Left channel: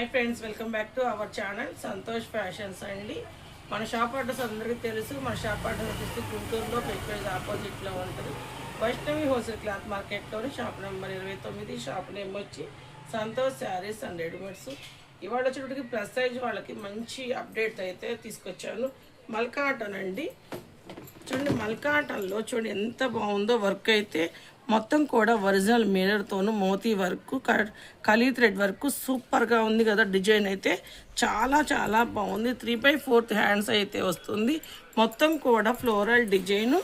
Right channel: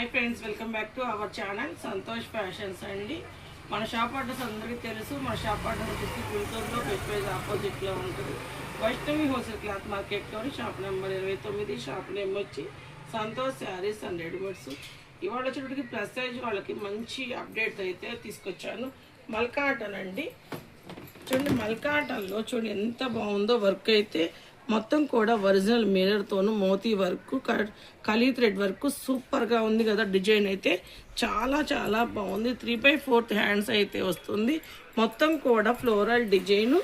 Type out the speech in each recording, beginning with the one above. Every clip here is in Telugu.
Hi friends, welcome back to our channel Santosh fashions అండి. మన షాప్ అడ్రస్ అందరికీ తెలుసు. మన షాప్ అడ్రస్ వచ్చి గుంటూరులో పెట్రోల్ ఆపోజిట్లో ఉంటుంది. వైష్ణవి హోల్సేల్ క్లాత్ మార్కెట్లోని షాప్ నెంబర్ 29. షాప్ నేమ్ వచ్చి సంతోష్ శారీస్ అండ్ రెడీమేడ్స్. ఇవాళ వచ్చేటికి ప్లస్ సైజ్ వాళ్ళకి మంచి అప్డేట్ అయితే తీసుకొచ్చాను. మల్కాటన్ అండి. చూడండి, మల్కాటన్లో చూడండి ఎంత బాగుందో. వర్క్ అయితే మొత్తం కూడా ఒరిజినల్ మిర్రర్తోను మోతీ వర్క్, కలీ థ్రెడ్ వర్క్ సూపర్గా ఉంది కదా. డిజైన్ అయితే చాలా చాలా బాగుంది. 3/4 హ్యాండ్స్ అయితే వస్తుంది. మొత్తం కూడా ఫ్లోరల్ డిజైన్.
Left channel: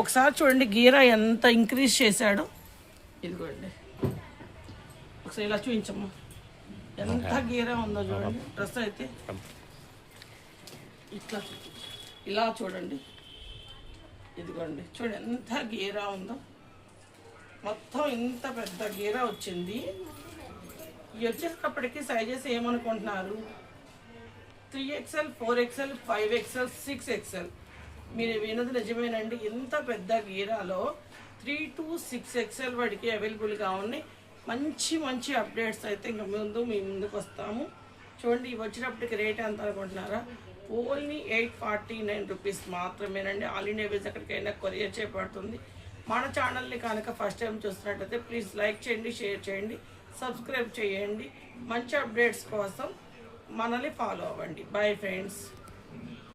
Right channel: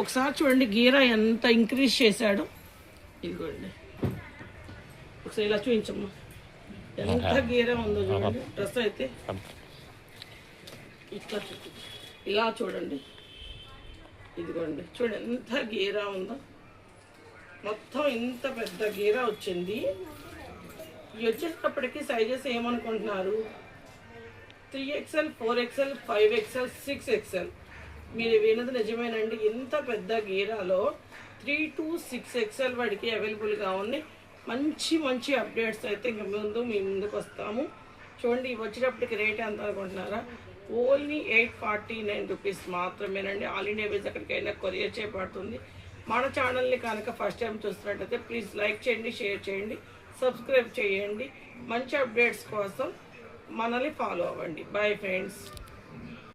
ఒకసారి చూడండి గీరా ఎంత ఇంక్రీజ్ చేశాడు. ఇదిగోండి, ఒకసారి ఇలా చూపించమ్మా ఎంత గీరా ఉందో చూడండి. డ్రెస్ అయితే ఇట్లా ఇలా చూడండి. ఇదిగోండి చూడండి ఎంత గీరా ఉందో. మొత్తం ఇంత పెద్ద గీర వచ్చింది. ఇవి వచ్చేటప్పటికి సైజెస్ ఏమనుకుంటున్నారు? 3XL, 4XL, 5XL, 6XL. మీరు వినది నిజమేనండి. ఇంత పెద్ద గీరాలో 3 to 6XL వాడికి అవైలబుల్గా ఉన్నాయి. మంచి మంచి అప్డేట్స్ అయితే ఇంక మీ ముందుకు వస్తాము. చూడండి, ఇవి వచ్చేటప్పటికి రేట్ ఎంత అనుకుంటున్నారా? ఓన్లీ 849 రూపీస్ మాత్రమేనండి. ఆల్ ఇండియా వేస్ ఎక్కడికైనా కొరియర్ చేయబడుతుంది. మన ఛానల్ని కనుక ఫస్ట్ టైం చూస్తున్నట్టయితే ప్లీజ్ లైక్ చేయండి, షేర్ చేయండి, సబ్స్క్రైబ్ చేయండి. మంచి అప్డేట్స్ కోసం మనల్ని ఫాలో అవ్వండి. Bye friends.